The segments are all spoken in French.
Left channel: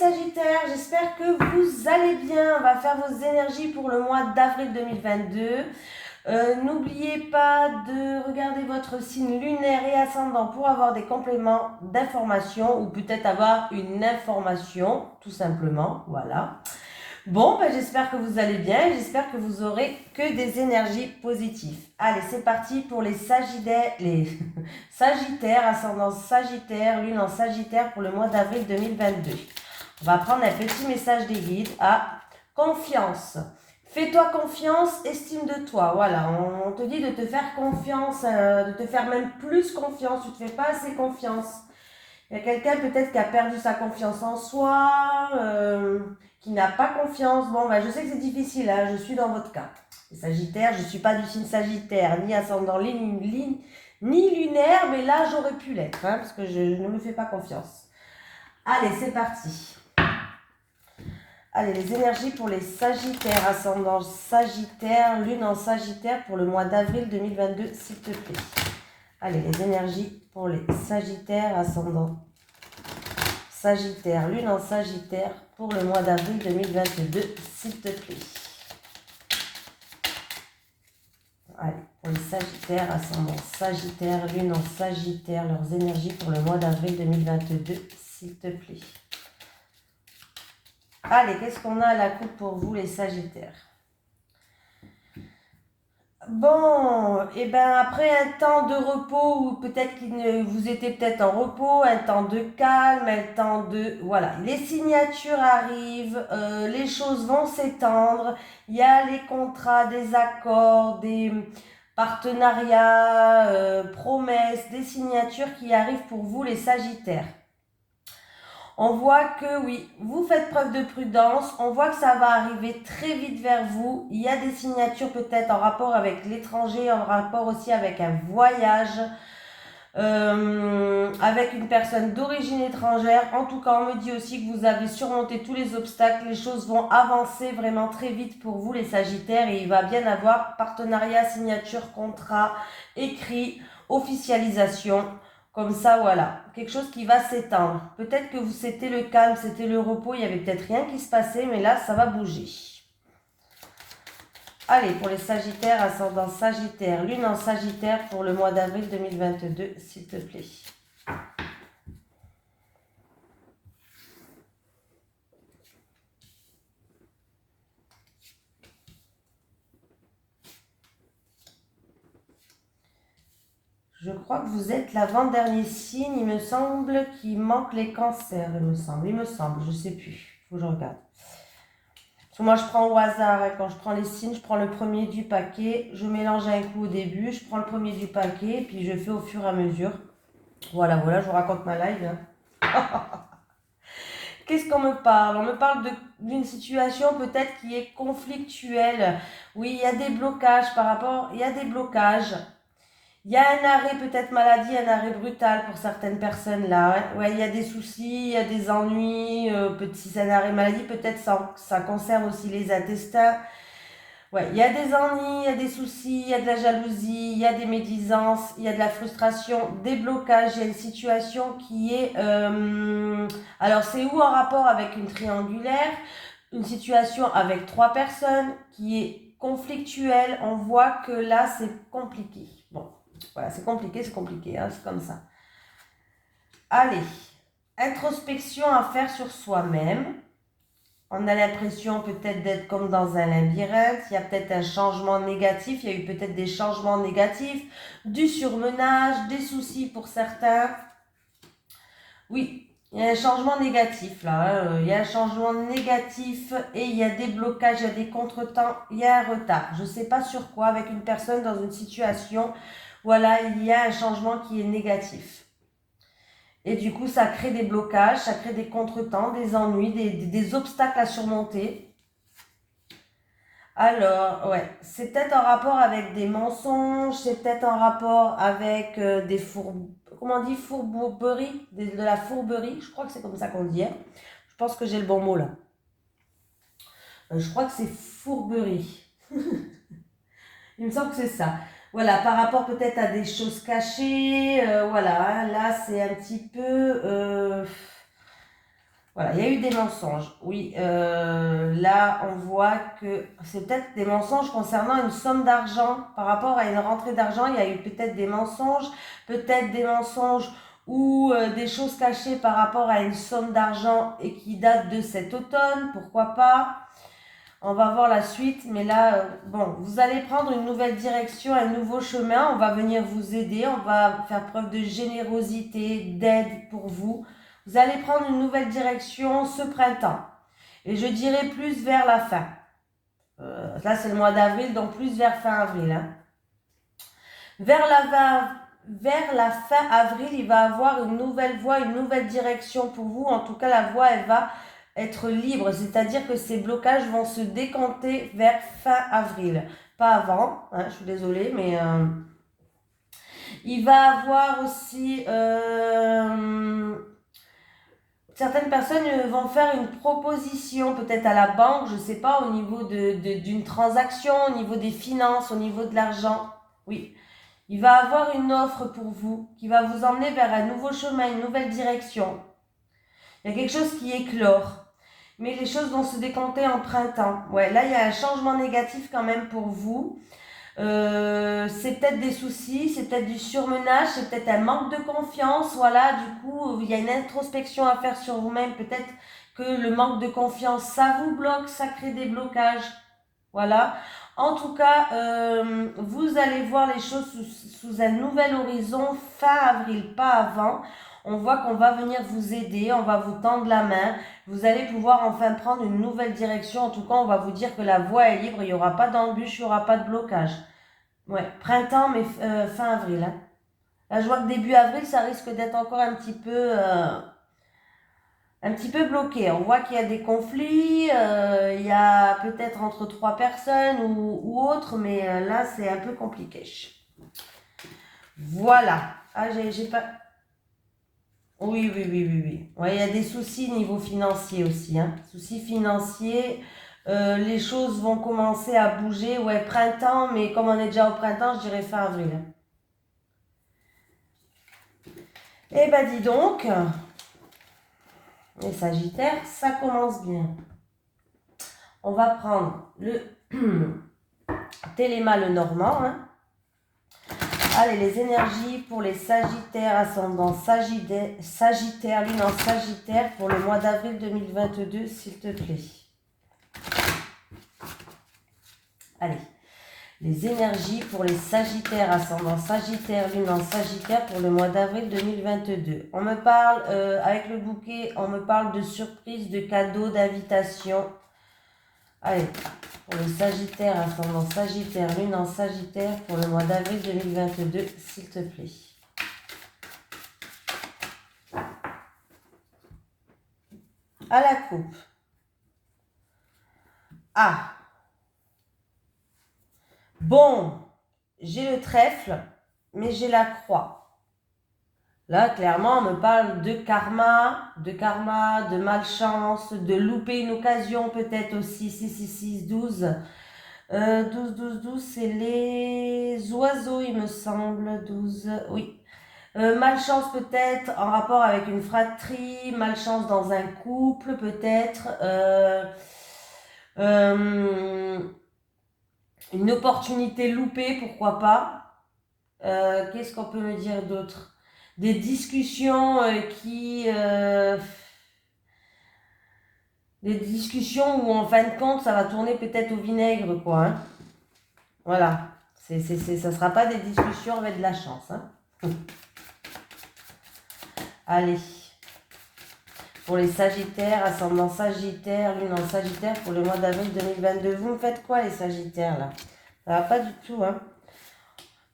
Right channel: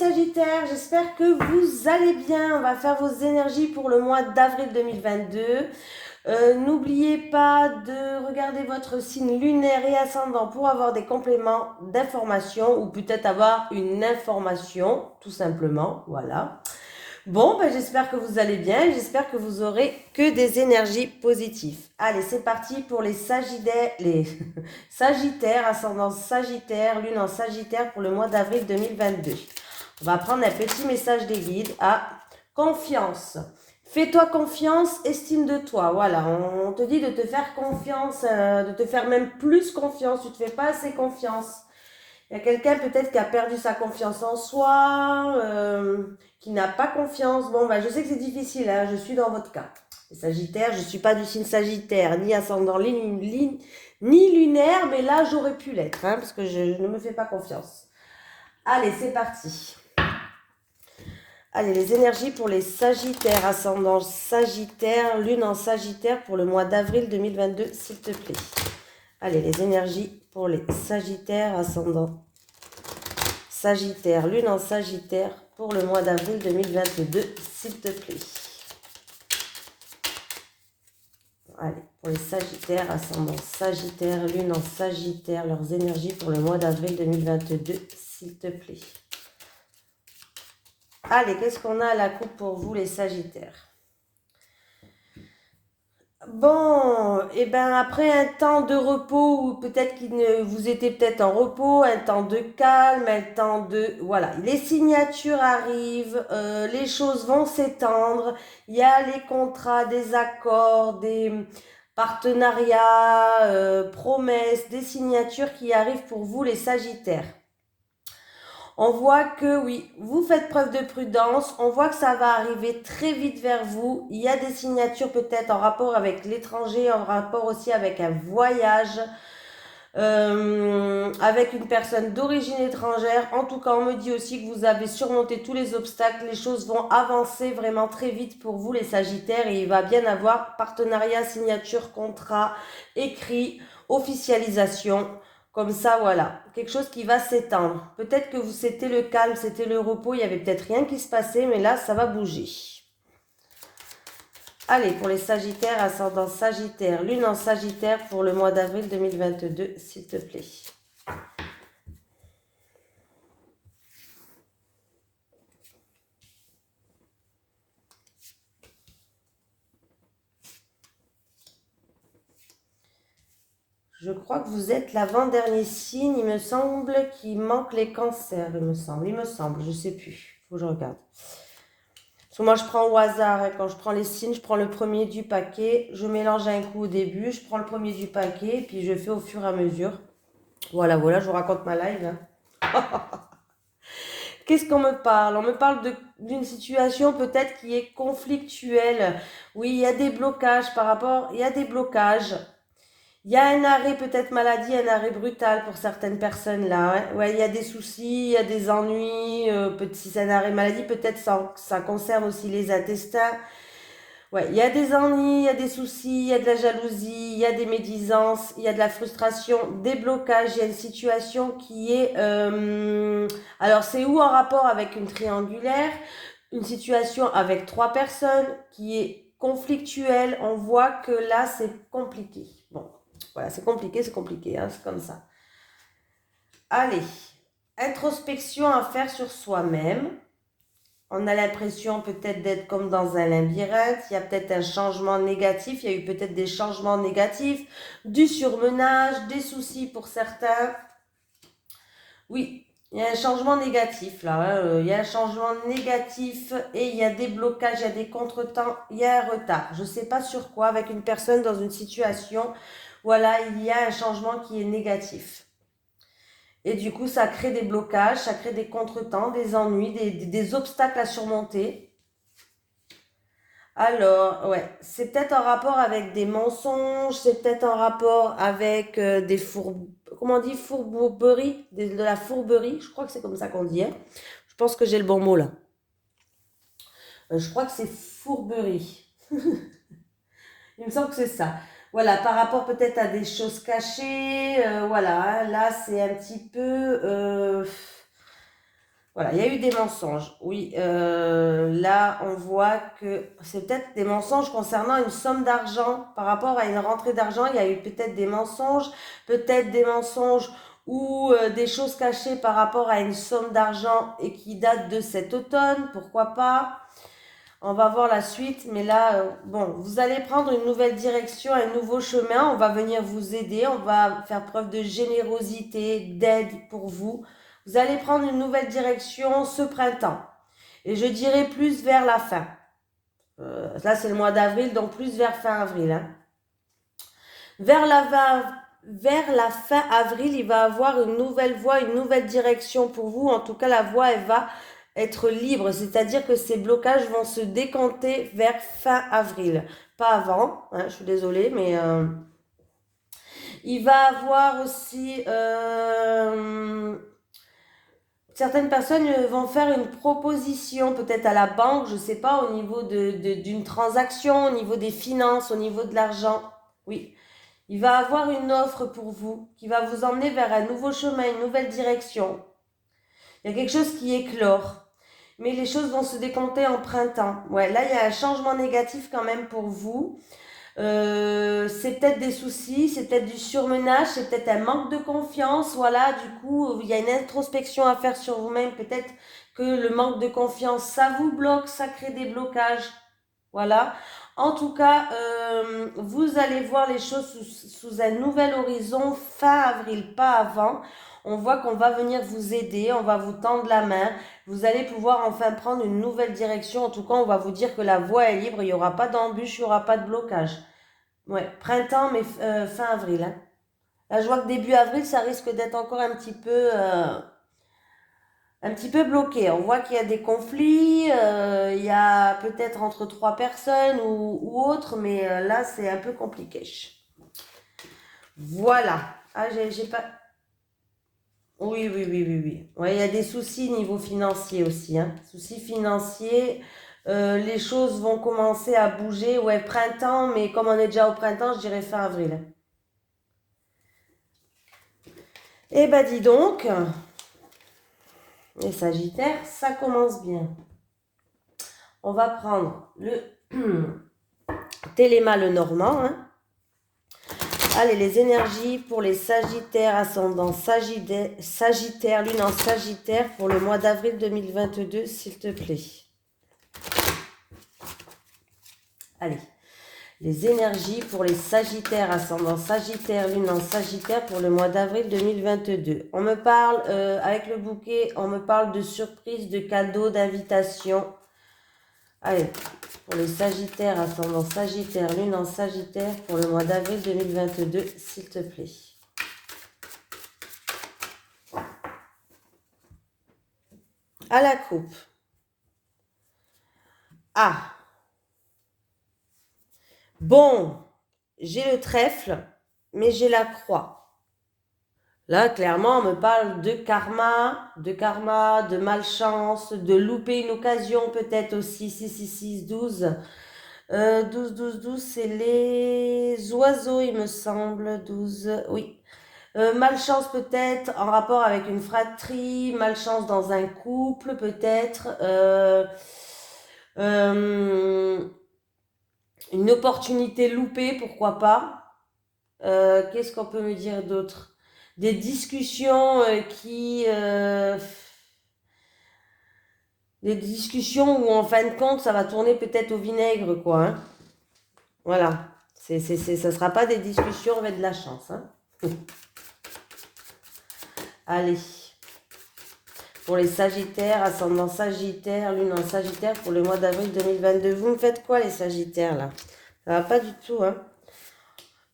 Sagittaires, j'espère que vous allez bien. On va faire vos énergies pour le mois d'avril 2022. N'oubliez pas de regarder votre signe lunaire et ascendant pour avoir des compléments d'information ou peut-être avoir une information, tout simplement. Voilà. Bon, ben, j'espère que vous allez bien. J'espère que vous aurez que des énergies positives. Allez, c'est parti pour les Sagittaires, Sagittaires, ascendant Sagittaire, lune en Sagittaire pour le mois d'avril 2022. On va prendre un petit message des guides. Confiance. Fais-toi confiance, estime de toi. Voilà, on te dit de te faire confiance, de te faire même plus confiance. Tu ne te fais pas assez confiance. Il y a quelqu'un peut-être qui a perdu sa confiance en soi, qui n'a pas confiance. Bon, ben, je sais que c'est difficile, hein, je suis dans votre cas. Les Sagittaires, je ne suis pas du signe Sagittaire, ni ascendant ni lunaire, mais là j'aurais pu l'être, hein, parce que je ne me fais pas confiance. Allez, c'est parti. Allez, les énergies pour les Sagittaires, ascendant Sagittaire, lune en Sagittaire pour le mois d'avril 2022, s'il te plaît. Allez, les énergies pour les Sagittaires, ascendant Sagittaire, lune en Sagittaire pour le mois d'avril 2022, s'il te plaît. Allez, pour les Sagittaires, ascendant Sagittaire, lune en Sagittaire, leurs énergies pour le mois d'avril 2022, s'il te plaît. Allez, qu'est-ce qu'on a à la coupe pour vous, les Sagittaires? Bon, et bien après un temps de repos, ou peut-être que vous étiez peut-être en repos, un temps de calme, un temps de... Voilà, les signatures arrivent, les choses vont s'étendre, il y a les contrats, des accords, des partenariats, promesses, des signatures qui arrivent pour vous, les Sagittaires. On voit que oui, vous faites preuve de prudence, on voit que ça va arriver très vite vers vous. Il y a des signatures peut-être en rapport avec l'étranger, en rapport aussi avec un voyage, avec une personne d'origine étrangère. En tout cas, on me dit aussi que vous avez surmonté tous les obstacles, les choses vont avancer vraiment très vite pour vous les Sagittaires et il va bien avoir partenariat, signature, contrat, écrit, officialisation. Comme ça, voilà, quelque chose qui va s'étendre. Peut-être que c'était le calme, c'était le repos, il n'y avait peut-être rien qui se passait, mais là, ça va bouger. Allez, pour les Sagittaires, ascendant Sagittaire, lune en Sagittaire pour le mois d'avril 2022, s'il te plaît. Je crois que vous êtes l'avant-dernier signe, il me semble qu'il manque les cancers, il me semble, je ne sais plus, il faut que je regarde. Parce que moi je prends au hasard, hein. Quand je prends les signes, je prends le premier du paquet, je mélange un coup au début, je prends le premier du paquet, puis je fais au fur et à mesure. Voilà, je vous raconte ma live. Hein. Qu'est-ce qu'on me parle? On me parle d'une situation peut-être qui est conflictuelle. Oui, il y a des blocages par rapport, il y a des blocages. Il y a un arrêt peut-être maladie, un arrêt brutal pour certaines personnes là. Hein. Ouais, il y a des soucis, il y a des ennuis. Si c'est un arrêt maladie, peut-être ça concerne aussi les intestins. Ouais, il y a des ennuis, il y a des soucis, il y a de la jalousie, il y a des médisances, il y a de la frustration, des blocages, il y a une situation qui est... alors c'est où en rapport avec une triangulaire, une situation avec 3 personnes qui est conflictuelle, on voit que là c'est compliqué. Bon, voilà, c'est compliqué, hein, c'est comme ça. Allez, introspection à faire sur soi-même. On a l'impression peut-être d'être comme dans un labyrinthe, il y a peut-être un changement négatif, il y a eu peut-être des changements négatifs, du surmenage, des soucis pour certains. Oui, il y a un changement négatif là, hein. Il y a un changement négatif et il y a des blocages, il y a des contretemps, il y a un retard. Je ne sais pas sur quoi, avec une personne dans une situation, voilà, il y a un changement qui est négatif. Et du coup, ça crée des blocages, ça crée des contretemps, des ennuis, des obstacles à surmonter. Alors, ouais, c'est peut-être en rapport avec des mensonges, c'est peut-être en rapport avec comment on dit, fourberie, de la fourberie, je crois que c'est comme ça qu'on dit. Hein. Je pense que j'ai le bon mot là. Je crois que c'est fourberie. Il me semble que c'est ça. Voilà, par rapport peut-être à des choses cachées, voilà, hein, là c'est un petit peu... Voilà, il y a eu des mensonges. Oui, là, on voit que c'est peut-être des mensonges concernant une somme d'argent. Par rapport à une rentrée d'argent, il y a eu peut-être des mensonges ou des choses cachées par rapport à une somme d'argent et qui datent de cet automne. Pourquoi pas? On va voir la suite, mais là, bon, vous allez prendre une nouvelle direction, un nouveau chemin. On va venir vous aider, on va faire preuve de générosité, d'aide pour vous. Vous allez prendre une nouvelle direction ce printemps. Et je dirais plus vers la fin. Là, c'est le mois d'avril, donc plus vers fin avril. Hein. Vers la fin avril, il va avoir une nouvelle voie, une nouvelle direction pour vous. En tout cas, la voie, elle va être libre. C'est-à-dire que ces blocages vont se décanter vers fin avril. Pas avant, hein, je suis désolée, mais... il va avoir aussi... certaines personnes vont faire une proposition peut-être à la banque, je ne sais pas, au niveau d'une transaction, au niveau des finances, au niveau de l'argent. Oui. Il va avoir une offre pour vous qui va vous emmener vers un nouveau chemin, une nouvelle direction. Il y a quelque chose qui éclore. Mais les choses vont se décanter en printemps. Ouais, là, il y a un changement négatif quand même pour vous. C'est peut-être des soucis, c'est peut-être du surmenage, c'est peut-être un manque de confiance. Voilà, du coup, il y a une introspection à faire sur vous-même. Peut-être que le manque de confiance, ça vous bloque, ça crée des blocages. Voilà. En tout cas, vous allez voir les choses sous un nouvel horizon fin avril, pas avant. On voit qu'on va venir vous aider, on va vous tendre la main. Vous allez pouvoir enfin prendre une nouvelle direction. En tout cas, on va vous dire que la voie est libre, il n'y aura pas d'embûche, il n'y aura pas de blocage. Ouais, printemps, mais fin avril. Hein. Là, je vois que début avril, ça risque d'être encore un petit peu bloqué. On voit qu'il y a des conflits, il y a peut-être entre trois personnes ou autres, mais là, c'est un peu compliqué. Voilà. Ah, j'ai pas... Oui, oui, oui, oui, oui. Ouais, il y a des soucis niveau financier aussi. Hein. Soucis financiers, les choses vont commencer à bouger. Ouais, printemps, mais comme on est déjà au printemps, je dirais fin avril. Eh ben, dis donc, les Sagittaires, ça commence bien. On va prendre le Téléma le Normand. Hein. Allez, les énergies pour les Sagittaires, ascendant Sagittaire, lune en Sagittaire pour le mois d'avril 2022, s'il te plaît. Allez, les énergies pour les Sagittaires, ascendant Sagittaire, lune en Sagittaire pour le mois d'avril 2022. On me parle, avec le bouquet, on me parle de surprises, de cadeaux, d'invitations. Allez, pour les Sagittaires, ascendant Sagittaire, lune en Sagittaire pour le mois d'avril 2022, s'il te plaît. À la coupe. Ah. Bon, j'ai le trèfle, mais j'ai la croix. Là, clairement, on me parle de karma, de malchance, de louper une occasion peut-être aussi. 6, 6, 6, 12. 12, 12, 12, c'est les oiseaux, il me semble. 12, oui. Malchance peut-être en rapport avec une fratrie, malchance dans un couple peut-être. Une opportunité loupée, pourquoi pas. Qu'est-ce qu'on peut me dire d'autre? Des discussions des discussions où en fin de compte ça va tourner peut-être au vinaigre quoi. Hein. Voilà. Ça ne sera pas des discussions avec de la chance. Hein. Allez. Pour les Sagittaires, ascendant Sagittaire, lune en Sagittaire pour le mois d'avril 2022. Vous me faites quoi les Sagittaires là? Ça va pas du tout. Hein.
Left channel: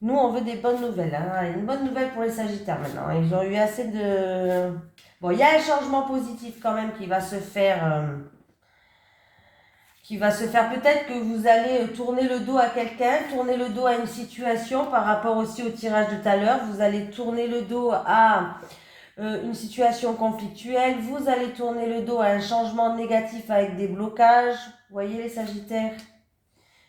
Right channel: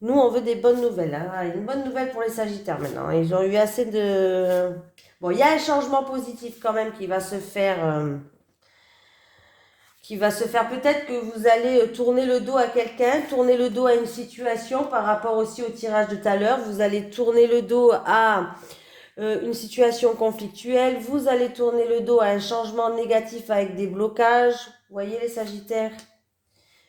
Nous, on veut des bonnes nouvelles. Hein. Une bonne nouvelle pour les Sagittaires maintenant. Ils ont eu assez de... Bon, il y a un changement positif quand même qui va se faire. Peut-être que vous allez tourner le dos à quelqu'un, tourner le dos à une situation par rapport aussi au tirage de tout à l'heure. Vous allez tourner le dos à une situation conflictuelle. Vous allez tourner le dos à un changement négatif avec des blocages. Vous voyez les Sagittaires?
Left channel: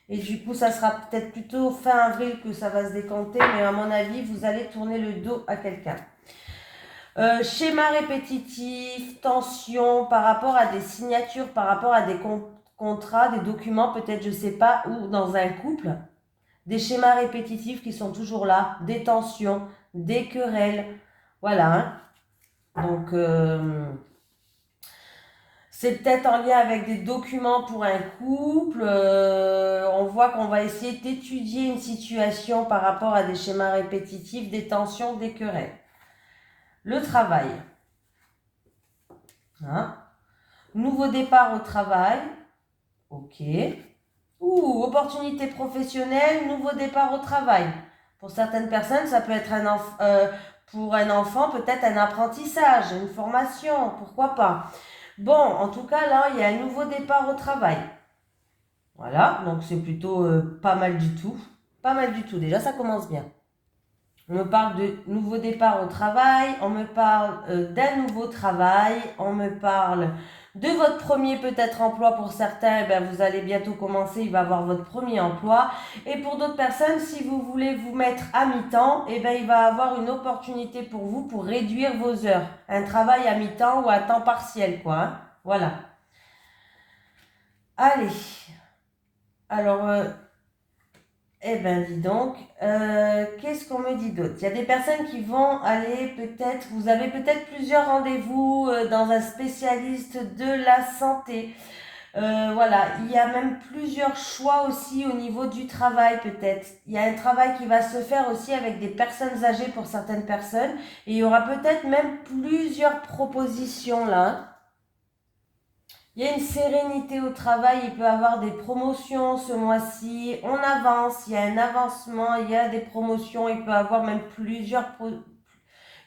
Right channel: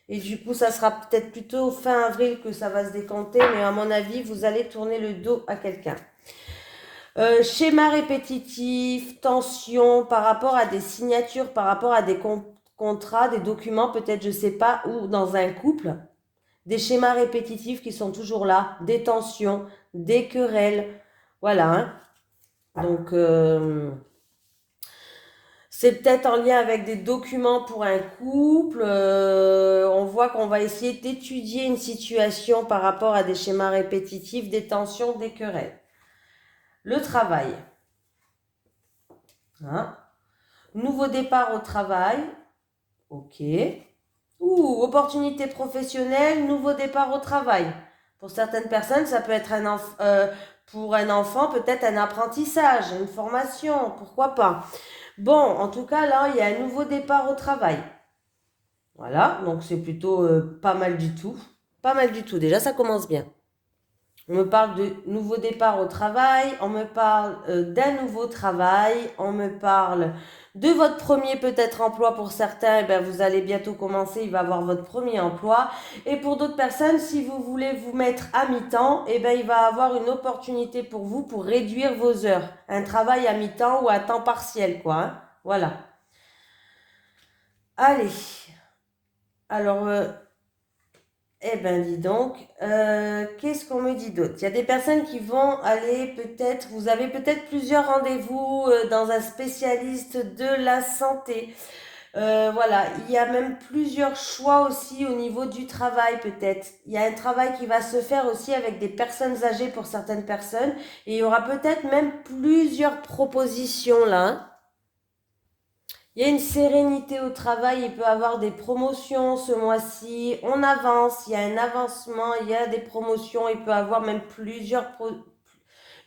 Et du coup, ça sera peut-être plutôt fin avril que ça va se décanter, mais à mon avis, vous allez tourner le dos à quelqu'un. Schéma répétitif, tension par rapport à des signatures, par rapport à des contrats, des documents, peut-être, je sais pas, ou dans un couple. Des schémas répétitifs qui sont toujours là, des tensions, des querelles. Voilà, hein. Donc, c'est peut-être en lien avec des documents pour un couple. On voit qu'on va essayer d'étudier une situation par rapport à des schémas répétitifs, des tensions, des querelles. Le travail. Hein? Nouveau départ au travail. Ok. Ou opportunité professionnelle, nouveau départ au travail. Pour certaines personnes, ça peut être pour un enfant, peut-être un apprentissage, une formation, pourquoi pas. Bon, en tout cas, là, il y a un nouveau départ au travail. Voilà, donc c'est plutôt pas mal du tout. Pas mal du tout, déjà ça commence bien. On me parle de nouveau départ au travail, on me parle d'un nouveau travail, on me parle de votre premier peut-être emploi pour certains, eh bien, vous allez bientôt commencer, il va avoir votre premier emploi. Et pour d'autres personnes, si vous voulez vous mettre à mi-temps, eh bien, il va avoir une opportunité pour vous pour réduire vos heures. Un travail à mi-temps ou à temps partiel, quoi. Hein. Voilà. Allez. Alors, eh ben dis donc, qu'est-ce qu'on me dit d'autre? Il y a des personnes qui vont aller peut-être, vous avez peut-être plusieurs rendez-vous dans un spécialiste de la santé. Voilà, il y a même plusieurs choix aussi au niveau du travail peut-être. Il y a un travail qui va se faire aussi avec des personnes âgées pour certaines personnes. Et il y aura peut-être même plusieurs propositions là. Hein. Il y a une sérénité au travail, il peut y avoir des promotions ce mois-ci, on avance, il y a un avancement, il y a des promotions, il peut y avoir même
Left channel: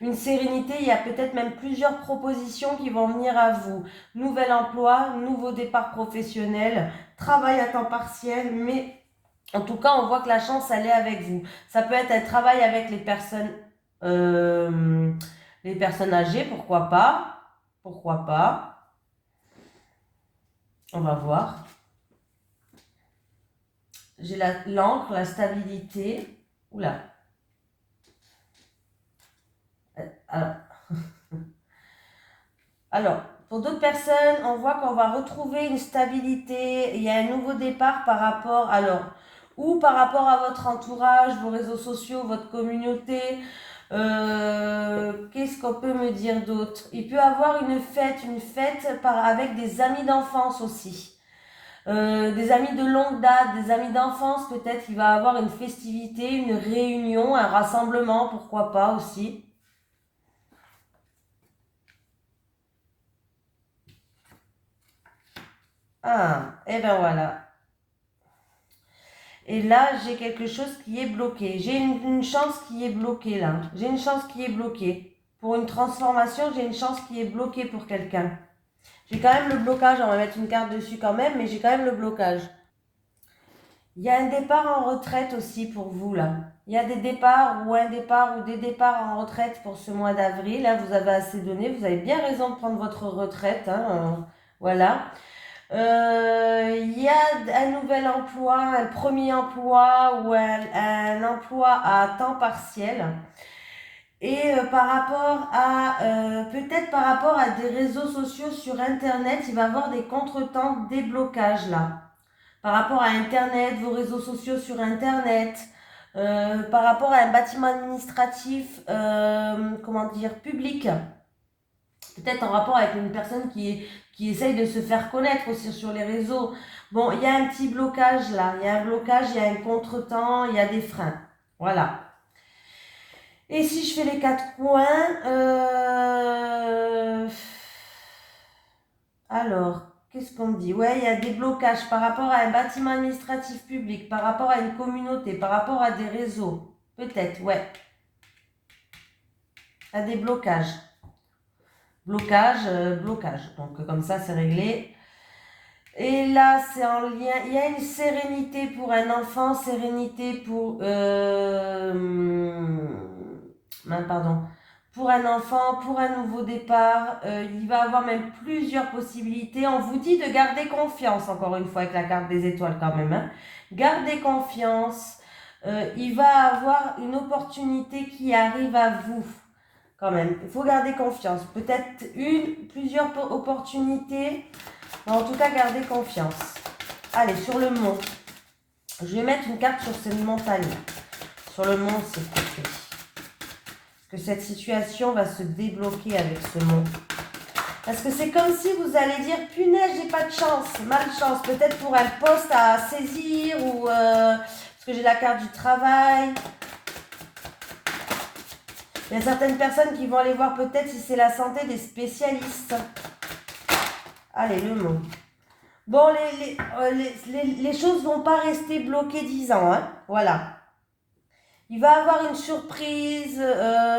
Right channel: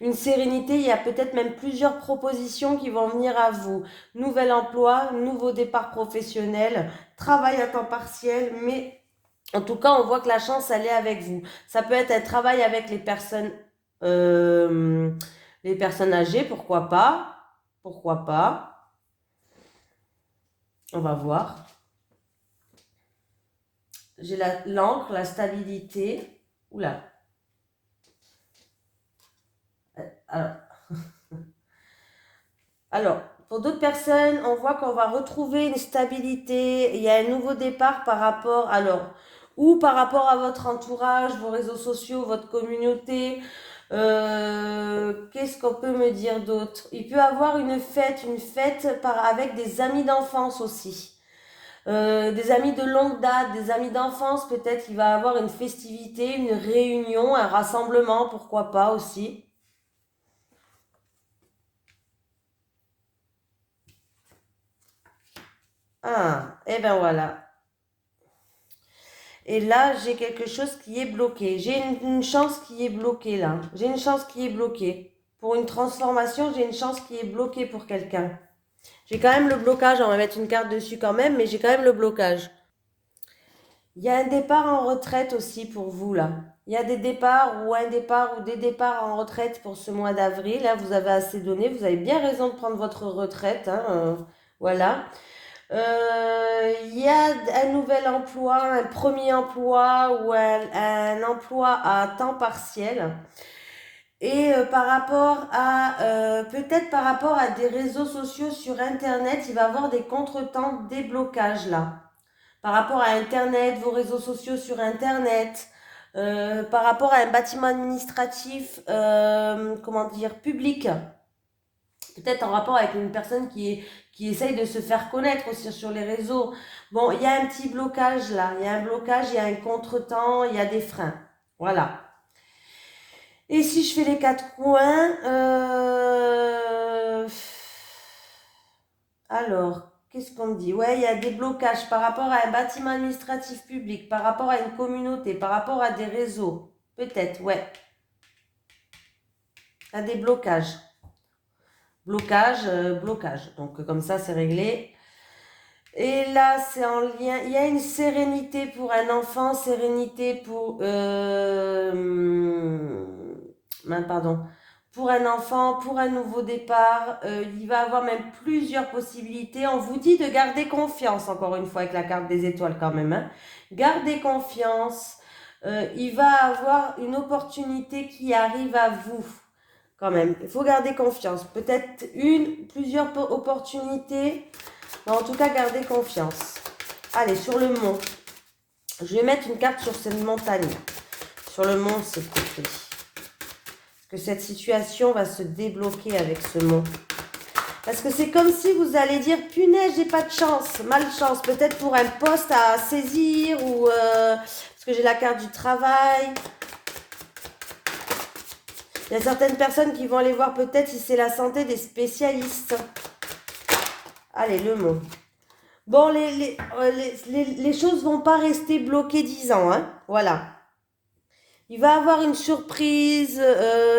une sérénité, il y a peut-être même plusieurs propositions qui vont venir à vous. Nouvel emploi, nouveau départ professionnel, travail à temps partiel, mais en tout cas, on voit que la chance, elle est avec vous. Ça peut être un travail avec les personnes âgées, pourquoi pas, pourquoi pas. On va voir. J'ai l'encre, la stabilité. Oula. Alors, alors, pour d'autres personnes, on voit qu'on va retrouver une stabilité. Il y a un nouveau départ par rapport, alors, ou par rapport à votre entourage, vos réseaux sociaux, votre communauté. Qu'est-ce qu'on peut me dire d'autre? Il peut y avoir une fête avec des amis d'enfance aussi. Des amis de longue date, des amis d'enfance, peut-être il va avoir une festivité, une réunion, un rassemblement, pourquoi pas aussi. Ah, et ben voilà. Et là, j'ai quelque chose qui est bloqué. J'ai une chance qui est bloquée là. J'ai une chance qui est bloquée. Pour une transformation, j'ai une chance qui est bloquée pour quelqu'un. J'ai quand même le blocage, on va mettre une carte dessus quand même, mais j'ai quand même le blocage. Il y a un départ en retraite aussi pour vous là. Il y a des départs ou un départ ou des départs en retraite pour ce mois d'avril. Là, vous avez assez donné. Vous avez bien raison de prendre votre retraite. Hein, voilà. Il y a un nouvel emploi, un premier emploi ou un emploi à temps partiel. Et par rapport à, peut-être par rapport à des réseaux sociaux sur Internet, il va y avoir des contretemps, des blocages là par rapport à Internet, vos réseaux sociaux sur Internet, par rapport à un bâtiment administratif, comment dire, public, peut-être en rapport avec une personne qui essaye de se faire connaître aussi sur les réseaux. Bon, il y a un petit blocage là, il y a un blocage, il y a un contretemps, il y a des freins. Voilà. Et si je fais les quatre coins, alors, qu'est-ce qu'on dit? Ouais, il y a des blocages par rapport à un bâtiment administratif public, par rapport à une communauté, par rapport à des réseaux. Peut-être, ouais. Il y a des blocages. Blocage. Donc, comme ça, c'est réglé. Et là, c'est en lien. Il y a une sérénité pour un enfant, sérénité pour. Pardon. Pour un enfant, pour un nouveau départ, il va avoir même plusieurs possibilités. On vous dit de garder confiance, encore une fois, avec la carte des étoiles quand même. Hein. Gardez confiance. Il va avoir une opportunité qui arrive à vous. quand même. Il faut garder confiance. Peut-être plusieurs opportunités. Mais en tout cas, gardez confiance. Allez, sur le mont. Je vais mettre une carte sur cette montagne. Sur le mont, s'il te plaît. Parce que cette situation va se débloquer avec ce mont. Parce que c'est comme si vous allez dire, punaise, j'ai pas de chance, malchance. Peut-être pour un poste à saisir ou parce que j'ai la carte du travail. Il y a certaines personnes qui vont aller voir peut-être si c'est la santé des spécialistes. Allez, le mot. Bon, les choses vont pas rester bloquées 10 ans, hein. Voilà. Il va y avoir une surprise,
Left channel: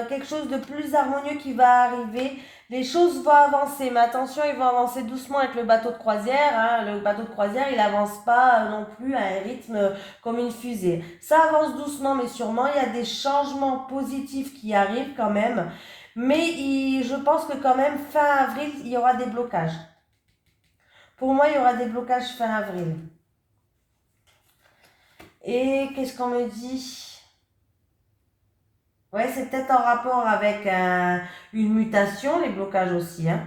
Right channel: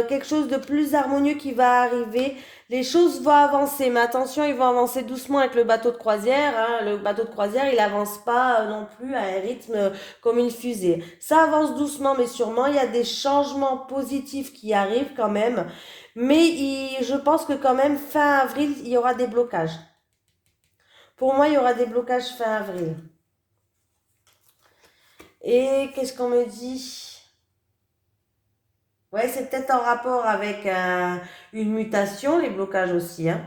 quelque chose de plus harmonieux qui va arriver. Les choses vont avancer, mais attention, ils vont avancer doucement avec le bateau de croisière. Hein. Le bateau de croisière, il n'avance pas non plus à un rythme comme une fusée. Ça avance doucement, mais sûrement. Il y a des changements positifs qui arrivent quand même. Mais je pense que quand même, fin avril, il y aura des blocages. Pour moi, il y aura des blocages fin avril. Et qu'est-ce qu'on me dit ? Ouais, c'est peut-être en rapport avec une mutation, les blocages aussi, hein.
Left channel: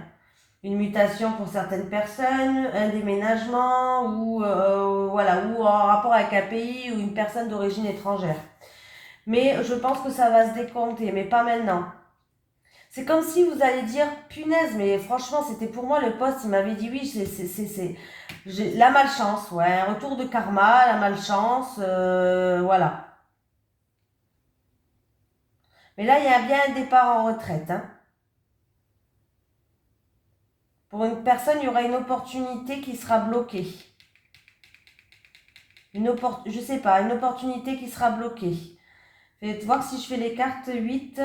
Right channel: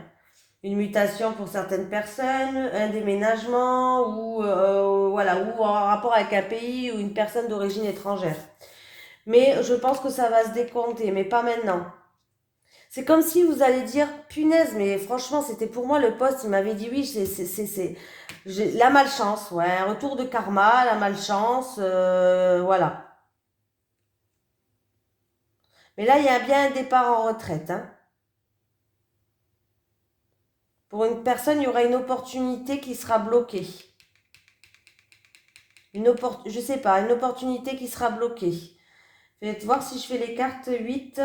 Une mutation pour certaines personnes, un déménagement ou voilà, ou en rapport avec un pays ou une personne d'origine étrangère. Mais je pense que ça va se décompter, mais pas maintenant. C'est comme si vous allez dire, punaise, mais franchement, c'était pour moi le poste, il m'avait dit oui, j'ai la malchance, ouais, un retour de karma, la malchance, voilà. Mais là, il y a bien un départ en retraite, hein. Pour une personne, il y aura une opportunité qui sera bloquée. Je sais pas, une opportunité qui sera bloquée. Faites voir si je fais les cartes 8,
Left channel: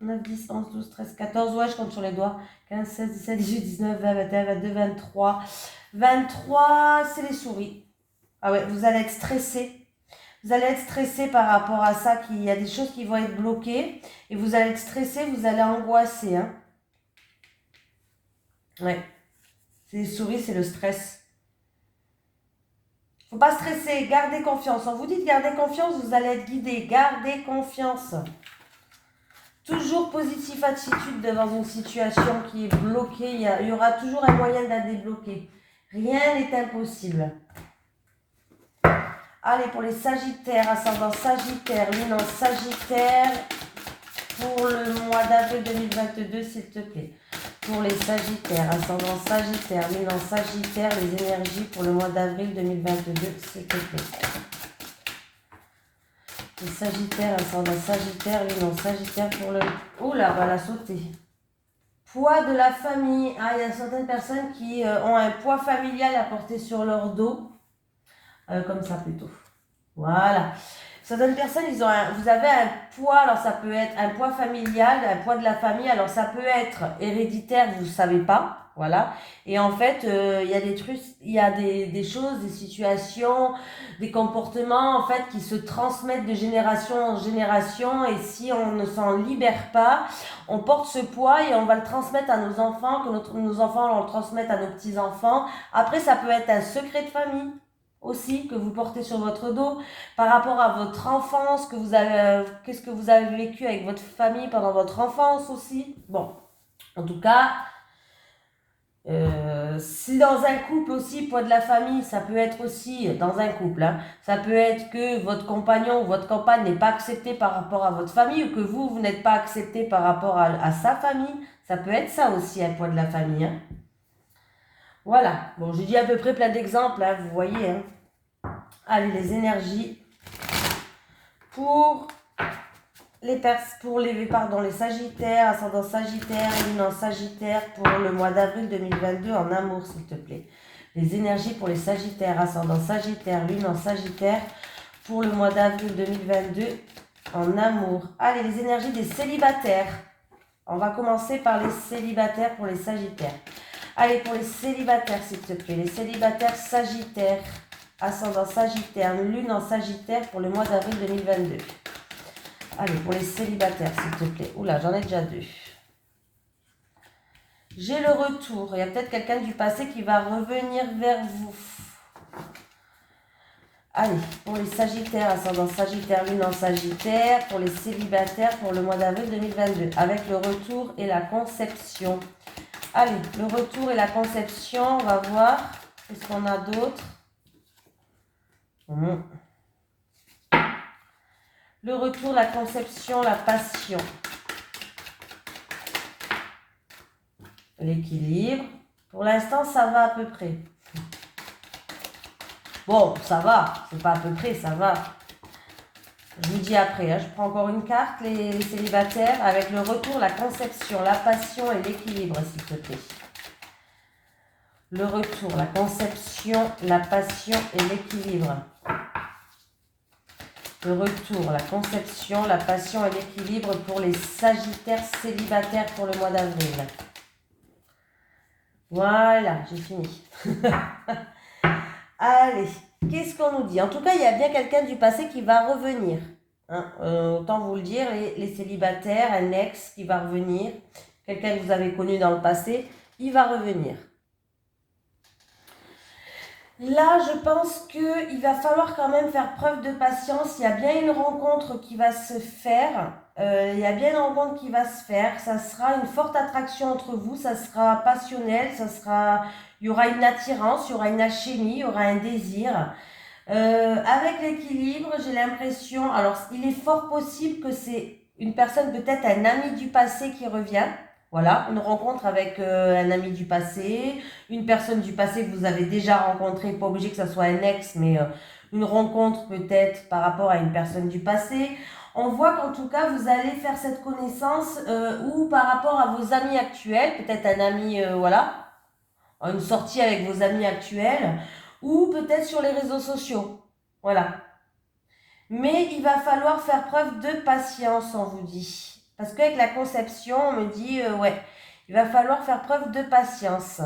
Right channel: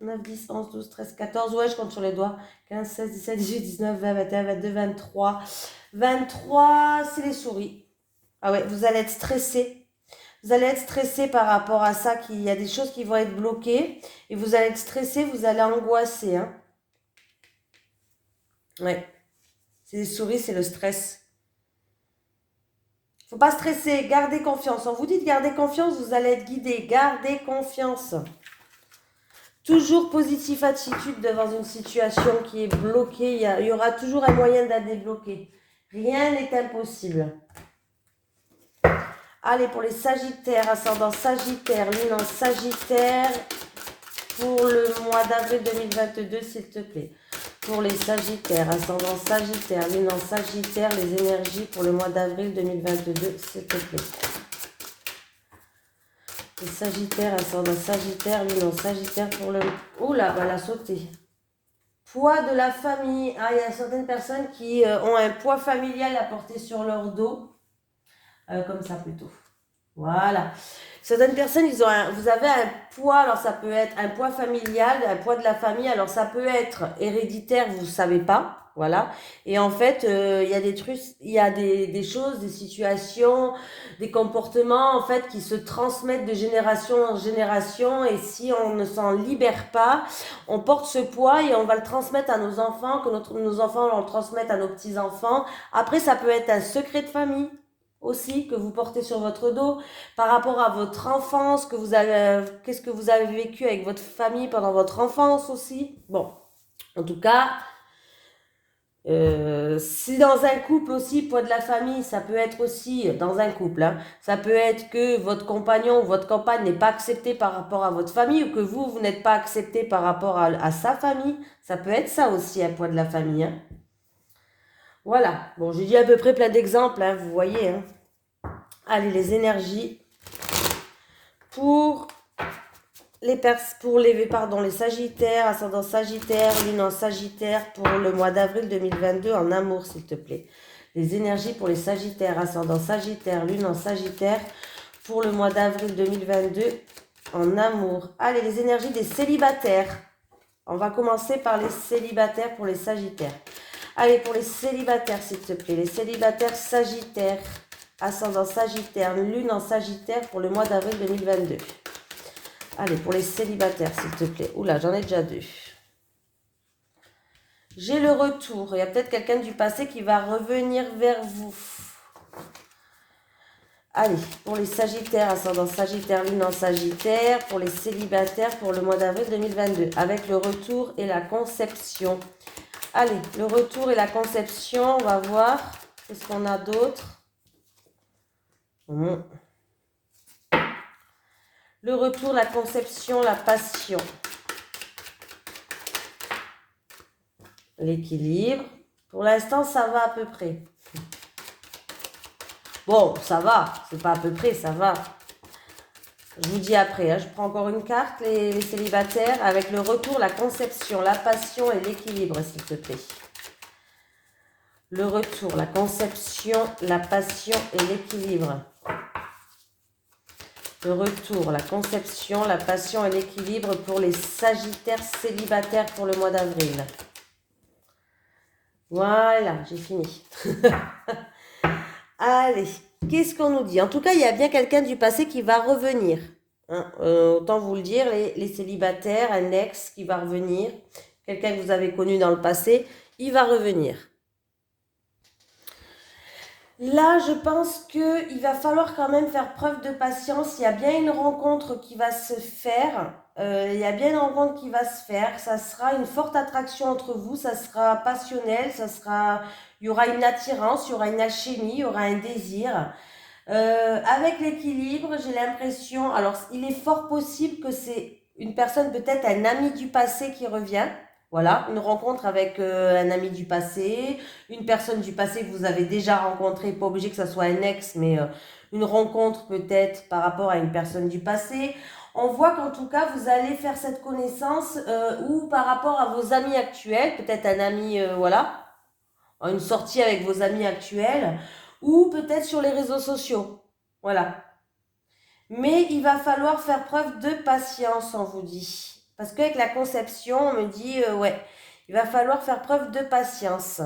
9, 10, 11, 12, 13, 14. Ouais, je compte sur les doigts. 15, 16, 17, 18, 19, 20, 21, 22, 23. 23, c'est les souris. Ah ouais, vous allez être stressé. Vous allez être stressé par rapport à ça. Il y a des choses qui vont être bloquées. Et vous allez être stressé, vous allez angoisser. Hein. Ouais. C'est les souris, c'est le stress. Faut pas stresser, gardez confiance. On vous dit de garder confiance, vous allez être guidé. Gardez confiance. Toujours positive attitude devant une situation qui est bloquée. Il y aura toujours un moyen de la débloquer. Rien n'est impossible. Allez, pour les Sagittaires, ascendant Sagittaire, lune en Sagittaire, pour le mois d'avril 2022, s'il te plaît. Pour les Sagittaires, ascendant Sagittaire, lune en Sagittaire, les énergies pour le mois d'avril 2022, s'il te plaît. Les Sagittaires, ascendant Sagittaire, lune en Sagittaire pour le... Oula, on a sauté. Poids de la famille. Ah, il y a certaines personnes qui ont un poids familial à porter sur leur dos. Comme ça plutôt. Voilà. Certaines personnes, vous avez un poids, alors ça peut être un poids familial, un poids de la famille, alors ça peut être héréditaire, vous ne savez pas, voilà. Et en fait, il y a des trucs, il y a des choses, des situations, des comportements, en fait, qui se transmettent de génération en génération, et si on ne s'en libère pas, on porte ce poids et on va le transmettre à nos enfants, que nos enfants le transmettent à nos petits-enfants. Après, ça peut être un secret de famille aussi que vous portez sur votre dos par rapport à votre enfance, qu'est-ce que vous avez vécu avec votre famille pendant votre enfance aussi. Bon, en tout cas, si dans un couple aussi, poids de la famille, ça peut être aussi dans un couple, hein, ça peut être que votre compagnon ou votre compagne n'est pas accepté par rapport à votre famille ou que vous n'êtes pas accepté par rapport à sa famille. Ça peut être ça aussi, un poids de la famille. Hein. Voilà, bon, j'ai dit à peu près plein d'exemples, hein, vous voyez. Hein. Allez, les énergies pour les Sagittaires, ascendant Sagittaire, lune en Sagittaire pour le mois d'avril 2022 en amour, s'il te plaît. Les énergies pour les Sagittaires, ascendant Sagittaire, lune en Sagittaire pour le mois d'avril 2022 en amour. Allez, les énergies des célibataires. On va commencer par les célibataires pour les Sagittaires. Allez, pour les célibataires, s'il te plaît. Les célibataires Sagittaires. Ascendant Sagittaire, lune en Sagittaire pour le mois d'avril 2022. Allez, pour les célibataires, s'il te plaît. Oula, j'en ai déjà 2. J'ai le retour. Il y a peut-être quelqu'un du passé qui va revenir vers vous. Allez, pour les Sagittaires, ascendant Sagittaire, lune en Sagittaire, pour les célibataires pour le mois d'avril 2022, avec le retour et la conception. Allez, le retour et la conception, on va voir. Qu'est-ce qu'on a d'autre? Le retour, la conception, la passion. L'équilibre. Pour l'instant, ça va à peu près. Bon, ça va. C'est pas à peu près, ça va. Je vous dis après. Hein. Je prends encore une carte, les célibataires, avec le retour, la conception, la passion et l'équilibre, s'il te plaît. Le retour, la conception, la passion et l'équilibre. Le retour, la conception, la passion et l'équilibre pour les Sagittaires célibataires pour le mois d'avril. Voilà, j'ai fini. Allez, qu'est-ce qu'on nous dit? En tout cas, il y a bien quelqu'un du passé qui va revenir. Hein, autant vous le dire, les célibataires, un ex qui va revenir. Quelqu'un que vous avez connu dans le passé, il va revenir. Là, je pense qu'il va falloir quand même faire preuve de patience. Il y a bien une rencontre qui va se faire. Il y a bien une rencontre qui va se faire. Ça sera une forte attraction entre vous. Ça sera passionnel. Il y aura une attirance, il y aura une alchimie, il y aura un désir. Avec l'équilibre, j'ai l'impression... Alors, il est fort possible que c'est une personne, peut-être un ami du passé qui revient. Voilà, une rencontre avec un ami du passé, une personne du passé que vous avez déjà rencontré, pas obligé que ce soit un ex, mais une rencontre peut-être par rapport à une personne du passé. On voit qu'en tout cas, vous allez faire cette connaissance ou par rapport à vos amis actuels, peut-être un ami, voilà, une sortie avec vos amis actuels, ou peut-être sur les réseaux sociaux. Voilà. Mais il va falloir faire preuve de patience, on vous dit. Parce qu'avec la conception, on me dit, ouais, il va falloir faire preuve de patience.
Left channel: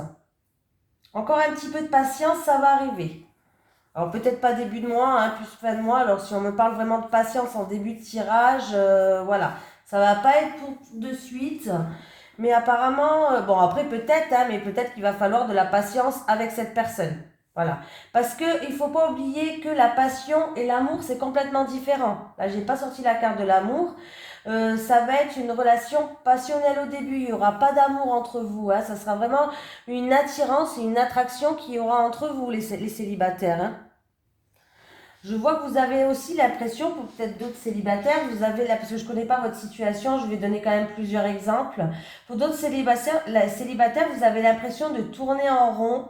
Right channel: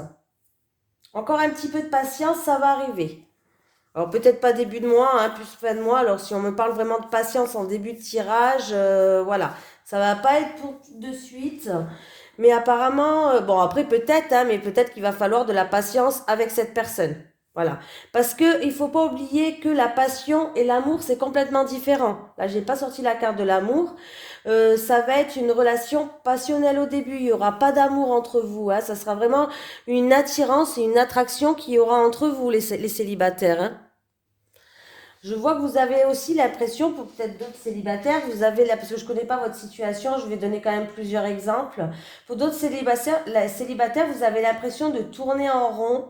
Encore un petit peu de patience, ça va arriver. Alors peut-être pas début de mois, hein, plus fin de mois. Alors si on me parle vraiment de patience en début de tirage, voilà. Ça va pas être pour tout de suite. Mais apparemment, bon après peut-être, hein, mais peut-être qu'il va falloir de la patience avec cette personne. Voilà. Parce qu'il ne faut pas oublier que la passion et l'amour, c'est complètement différent. Là, je n'ai pas sorti la carte de l'amour. Ça va être une relation passionnelle au début. Il n'y aura pas d'amour entre vous. Hein. Ça sera vraiment une attirance et une attraction qu'il y aura entre vous, les célibataires. Hein. Je vois que vous avez aussi l'impression, pour peut-être d'autres célibataires, vous avez parce que je ne connais pas votre situation, je vais donner quand même plusieurs exemples. Pour d'autres célibataires, vous avez l'impression de tourner en rond,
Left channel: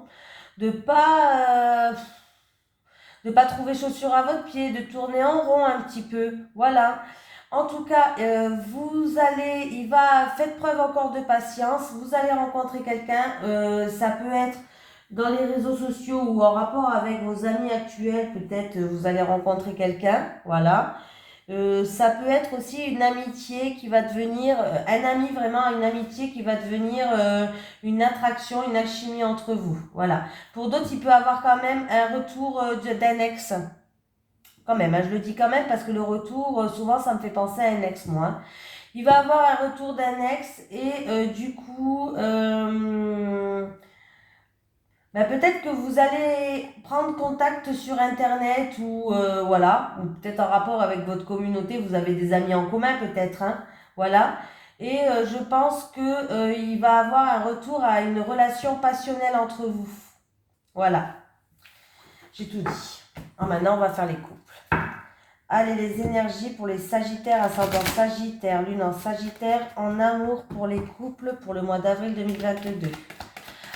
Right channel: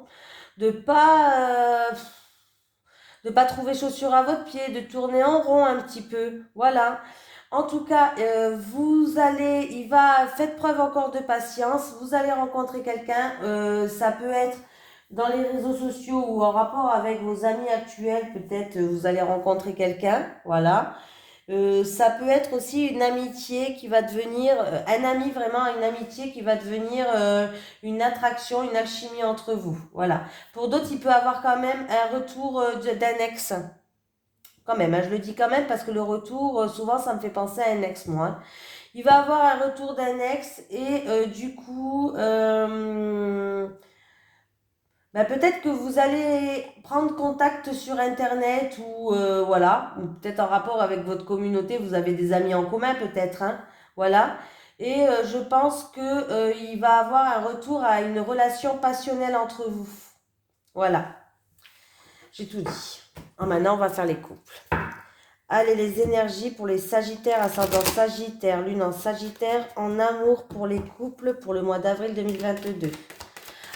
de pas trouver chaussure à votre pied, de tourner en rond un petit peu. Voilà. En tout cas, faites preuve encore de patience. Vous allez rencontrer quelqu'un. Ça peut être dans les réseaux sociaux ou en rapport avec vos amis actuels. Peut-être vous allez rencontrer quelqu'un. Voilà. Ça peut être aussi une amitié qui va devenir, un ami vraiment, une amitié qui va devenir une attraction, une alchimie entre vous. Voilà. Pour d'autres, il peut avoir quand même un retour d'un ex. Quand même, hein, je le dis quand même parce que le retour, souvent, ça me fait penser à un ex, moi. Il va avoir un retour d'un ex et du coup, peut-être que vous allez prendre contact sur Internet ou voilà, ou peut-être en rapport avec votre communauté, vous avez des amis en commun peut-être, hein, voilà. Et je pense que il va avoir un retour à une relation passionnelle entre vous. Voilà, j'ai tout dit. Maintenant, on va faire les couples. Allez, les énergies pour les Sagittaires, ascendant Sagittaire, lune en Sagittaire, en amour pour les couples pour le mois d'avril 2022.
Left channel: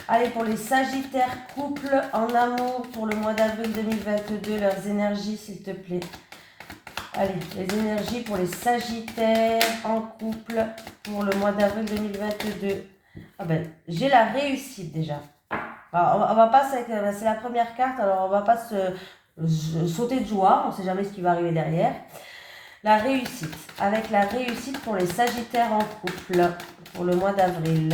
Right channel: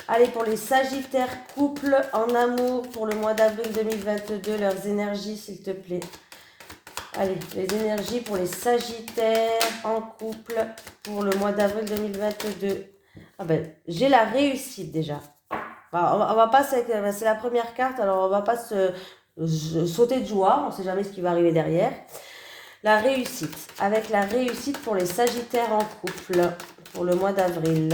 Allez, pour les Sagittaires, couple en amour pour le mois d'avril 2022, leurs énergies, s'il te plaît. Allez, les énergies pour les Sagittaires en couple pour le mois d'avril 2022. Ah ben, j'ai la réussite déjà. Alors, on va pas, c'est la première carte, alors on va pas sauter de joie, on ne sait jamais ce qui va arriver derrière. La réussite, avec la réussite pour les Sagittaires en couple pour le mois d'avril.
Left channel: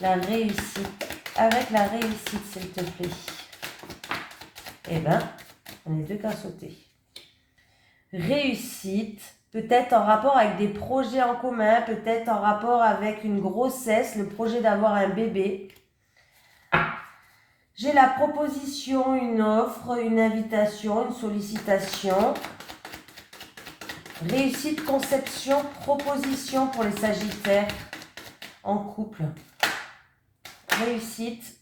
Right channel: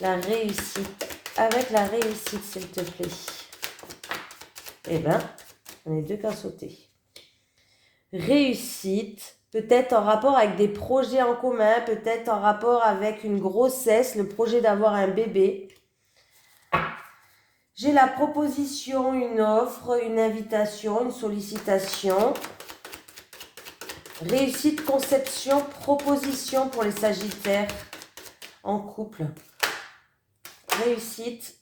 La réussite. Avec la réussite, s'il te plaît. Eh bien, on est deux qu'à sauter. Réussite, peut-être en rapport avec des projets en commun, peut-être en rapport avec une grossesse, le projet d'avoir un bébé. J'ai la proposition, une offre, une invitation, une sollicitation. Réussite, conception, proposition pour les Sagittaires en couple. Réussite.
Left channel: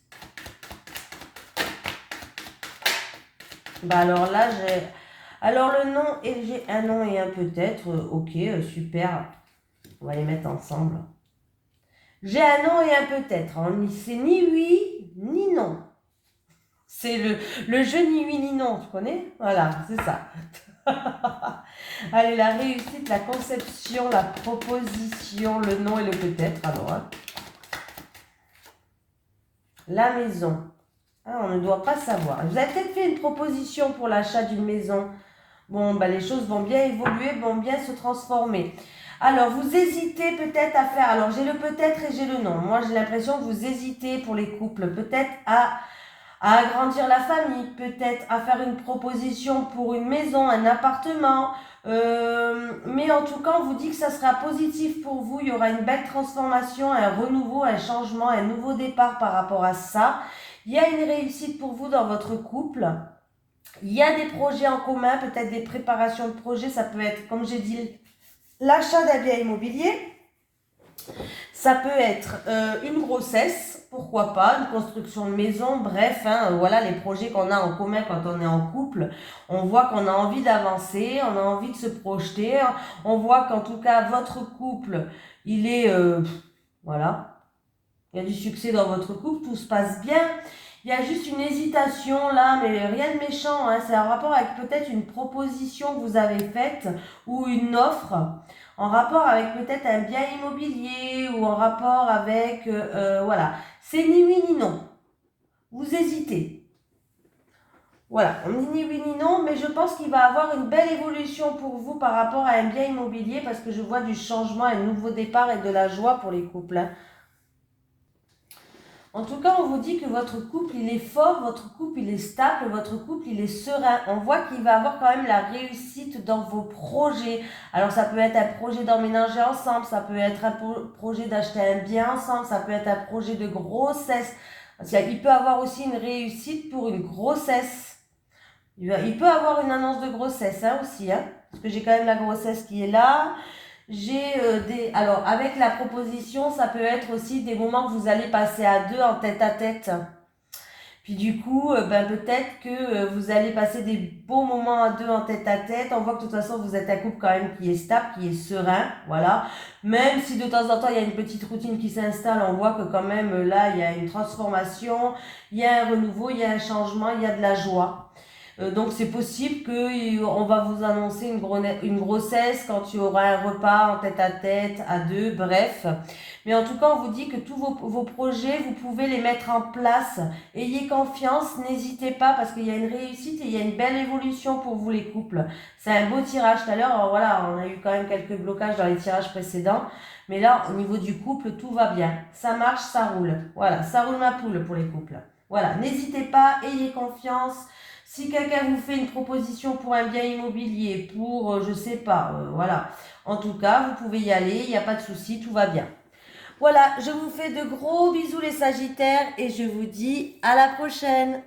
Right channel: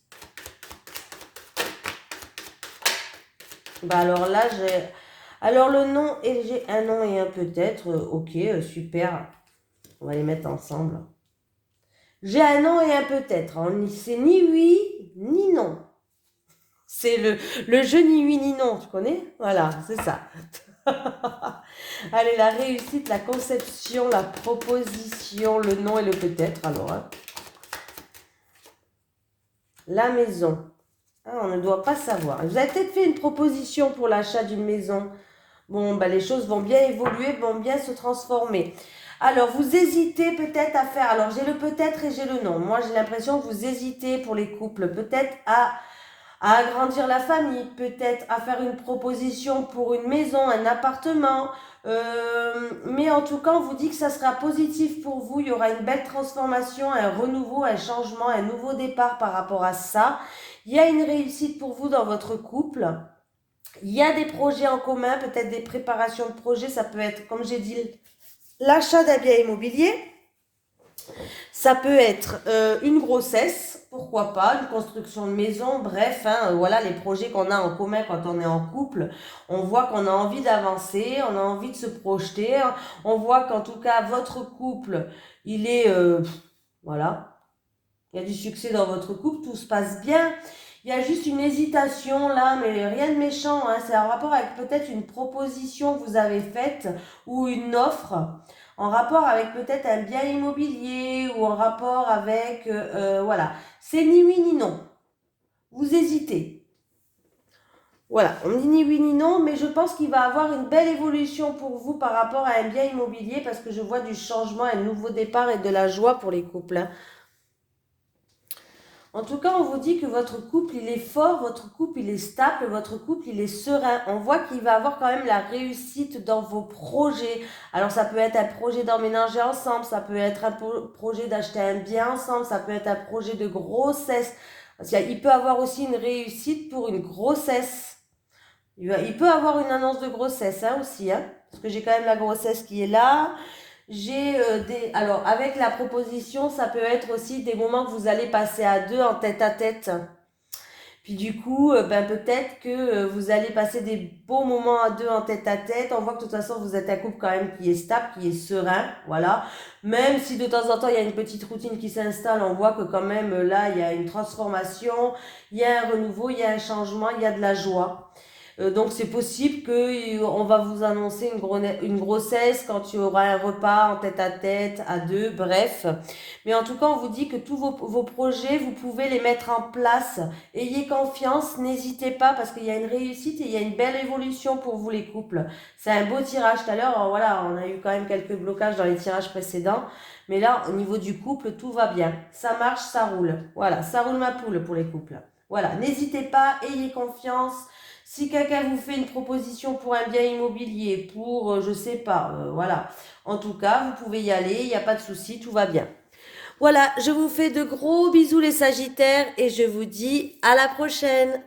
Bah alors là, j'ai... Alors le nom, et j'ai un nom et un peut-être. Ok, super. On va les mettre ensemble. J'ai un nom et un peut-être. C'est ni oui, ni non. C'est le jeu ni oui, ni non. Tu connais? Voilà, c'est ça. Allez, la réussite, la conception, la proposition, le nom et le peut-être. Alors, hein. La maison. Ah, on ne doit pas savoir. Vous avez peut-être fait une proposition pour l'achat d'une maison. Bon, bah, les choses vont bien évoluer, vont bien se transformer. Alors, vous hésitez peut-être à faire... Alors, j'ai le peut-être et j'ai le non. Moi, j'ai l'impression que vous hésitez pour les couples. Peut-être à agrandir la famille, peut-être à faire une proposition pour une maison, un appartement. Mais en tout cas, on vous dit que ça sera positif pour vous. Il y aura une belle transformation, un renouveau, un changement, un nouveau départ par rapport à ça. Il y a une réussite pour vous dans votre couple. Il y a des projets en commun, peut-être des préparations de projets. Ça peut être, comme j'ai dit, l'achat d'un bien immobilier. Ça peut être une grossesse, pourquoi pas, une construction de maison, bref, hein, voilà les projets qu'on a en commun quand on est en couple. On voit qu'on a envie d'avancer, on a envie de se projeter. On voit qu'en tout cas, votre couple, il est... voilà, il y a du succès dans votre couple, tout se passe bien. Il y a juste une hésitation là, mais rien de méchant. Hein. C'est un rapport avec peut-être une proposition que vous avez faite ou une offre en rapport avec peut-être un bien immobilier ou en rapport avec... voilà, c'est ni oui ni non. Vous hésitez. Voilà, on dit ni oui ni non, mais je pense qu'il va avoir une belle évolution pour vous par rapport à un bien immobilier parce que je vois du changement, un nouveau départ et de la joie pour les couples. Hein. En tout cas, on vous dit que votre couple, il est fort, votre couple, il est stable, votre couple, il est serein. On voit qu'il va avoir quand même la réussite dans vos projets. Alors, ça peut être un projet d'emménager ensemble, ça peut être un projet d'acheter un bien ensemble, ça peut être un projet de grossesse. Il peut avoir aussi une réussite pour une grossesse. Il peut avoir une annonce de grossesse hein, aussi, hein, parce que j'ai quand même la grossesse qui est là. J'ai Alors, avec la proposition, ça peut être aussi des moments que vous allez passer à deux en tête à tête. Puis du coup, ben, peut-être que vous allez passer des beaux moments à deux en tête à tête. On voit que de toute façon, vous êtes un couple quand même qui est stable, qui est serein. Voilà. Même si de temps en temps, il y a une petite routine qui s'installe, on voit que quand même, là, il y a une transformation, il y a un renouveau, il y a un changement, il y a de la joie. Donc c'est possible qu'on va vous annoncer une grossesse quand il y aura un repas en tête à deux, bref. Mais en tout cas, on vous dit que tous vos projets, vous pouvez les mettre en place. Ayez confiance, n'hésitez pas parce qu'il y a une réussite et il y a une belle évolution pour vous les couples. C'est un beau tirage tout à l'heure. Voilà, on a eu quand même quelques blocages dans les tirages précédents. Mais là, au niveau du couple, tout va bien. Ça marche, ça roule. Voilà, ça roule ma poule pour les couples. Voilà, n'hésitez pas, ayez confiance. Si quelqu'un vous fait une proposition pour un bien immobilier, pour, je sais pas, voilà. En tout cas, vous pouvez y aller, il n'y a pas de souci, tout va bien. Voilà, je vous fais de gros bisous les Sagittaires et je vous dis à la prochaine.